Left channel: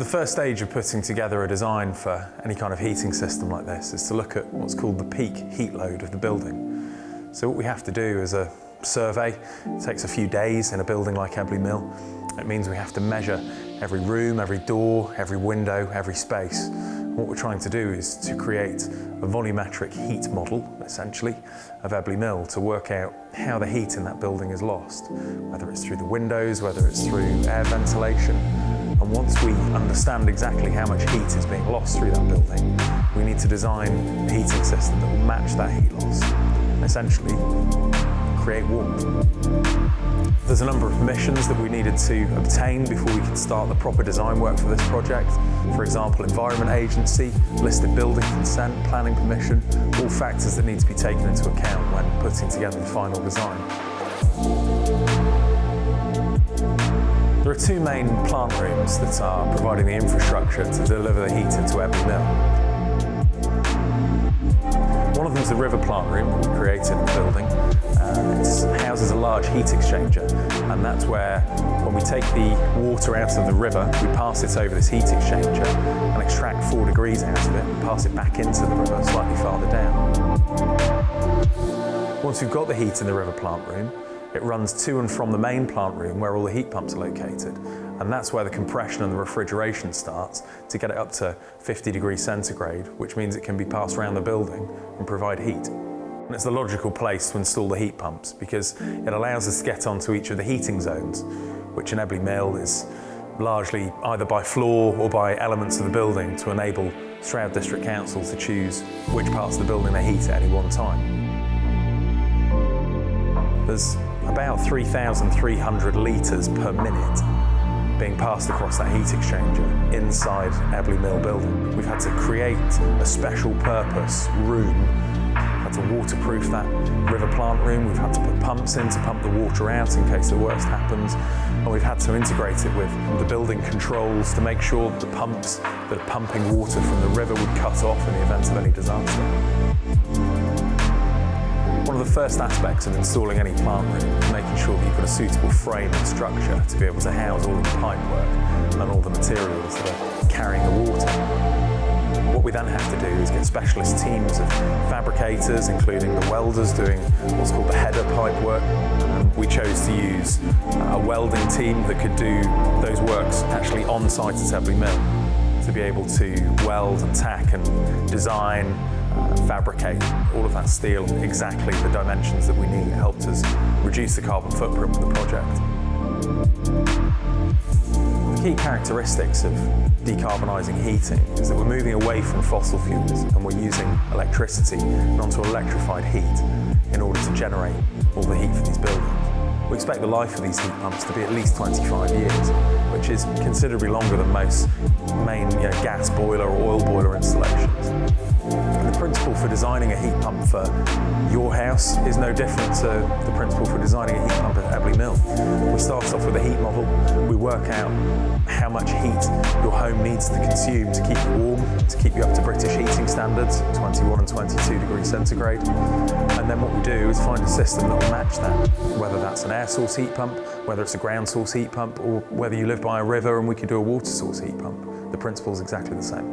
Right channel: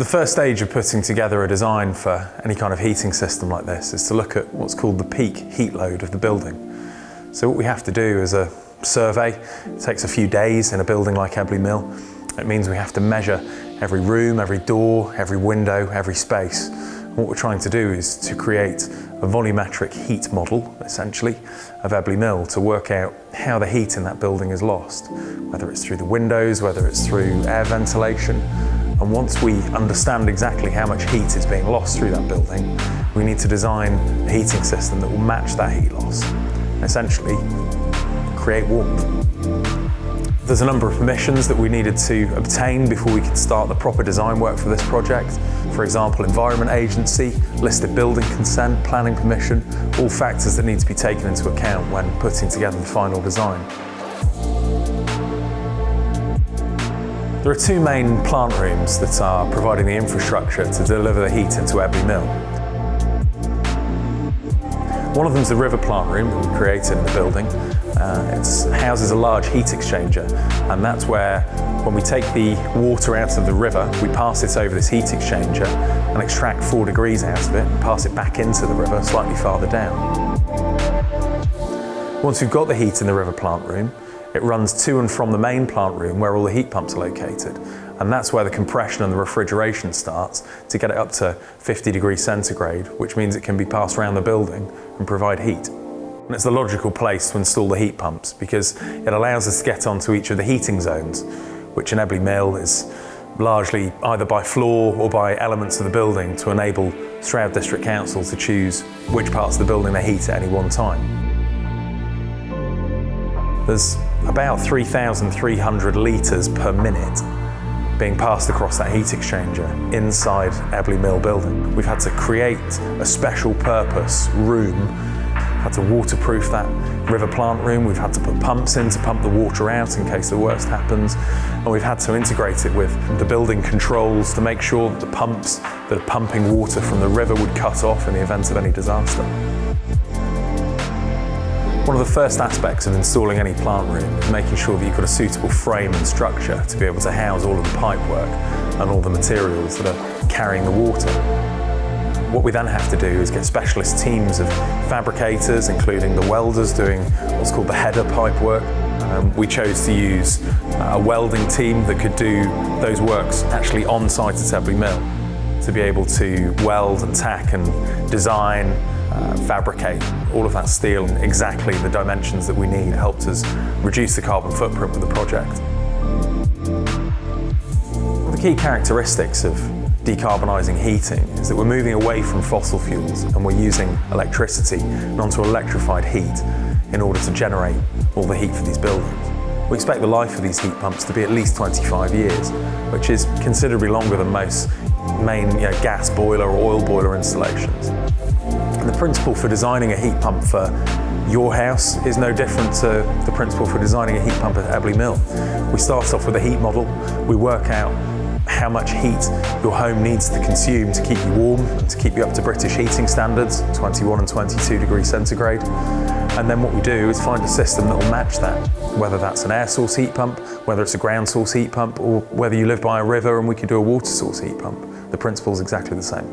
The first stage of putting together a design for any kind of heating system like this is to look at what's called the peak heat load of the building. So what we have to do is a survey. It takes a few days in a building like Ebley Mill. It means we have to measure every room, every door, every window, every space. And what we're trying to do is to create a volumetric heat model, essentially, of Ebley Mill to work out how the heat in that building is lost, whether it's through the windows, whether it's through air ventilation. And once we understand exactly how much heat is being lost through that building, we need to design a heating system that will match that heat loss, and essentially create warmth. There's a number of permissions that we needed to obtain before we could start the proper design work for this project. For example, Environment Agency, listed building consent, planning permission, all factors that need to be taken into account when putting together the final design. There are two main plant rooms that are providing the infrastructure to deliver the heat into Ebley Mill. One of them is the river plant room that we created in the building. It houses a large heat exchanger, and that's where, when we take the water out of the river, we pass it over this heat exchanger and extract 4 degrees out of it and pass it back into the river slightly farther down. Once we've got the heat in the river plant room, it runs to and from the main plant room where all the heat pumps are located, and that's where the compression and the refrigeration starts to get it up to 50 degrees centigrade, which means it can be passed around the building and provide heat. And it's the logical place to install the heat pumps because it allows us to get onto each of the heating zones, which in Ebley Mill is largely either by floor or by elements of the building to enable Stroud District Council to choose which parts of the building they heat at any one time. There's about 3,300 litres per minute being passed across that heat exchanger inside Ebley Mill building. We've had to create a special purpose room, had to waterproof that river plant room, we've had to put pumps in to pump the water out in case the worst happens, and we've had to integrate it with the building controls to make sure the pumps that are pumping water from the river would cut off in the event of any disaster. One of the first aspects of installing any plant room is making sure that you've got a suitable frame and structure to be able to house all of the pipework and all the materials that are carrying the water. What we then have to do is get specialist teams of fabricators, including the welders doing what's called the header pipework. We chose to use a welding team that could do those works actually on site at Ebley Mill to be able to weld and tack and design, fabricate all of that steel in exactly the dimensions that we need. It helped us reduce the carbon footprint with the project. One of the key characteristics of decarbonising heating is that we're moving away from fossil fuels and we're using electricity and onto electrified heat in order to generate all the heat for these buildings. We expect the life of these heat pumps to be at least 25 years, which is considerably longer than most main gas boiler or oil boiler installations. And the principle for designing a heat pump for your house is no different to the principle for designing a heat pump at Ebley Mill. We start off with a heat model, we work out how much heat your home needs to consume to keep you warm and to keep you up to British heating standards, 21 and 22 degrees centigrade. And then what we do is find a system that will match that, whether that's an air source heat pump, whether it's a ground source heat pump, or whether you live by a river and we could do a water source heat pump. The principle is exactly the same.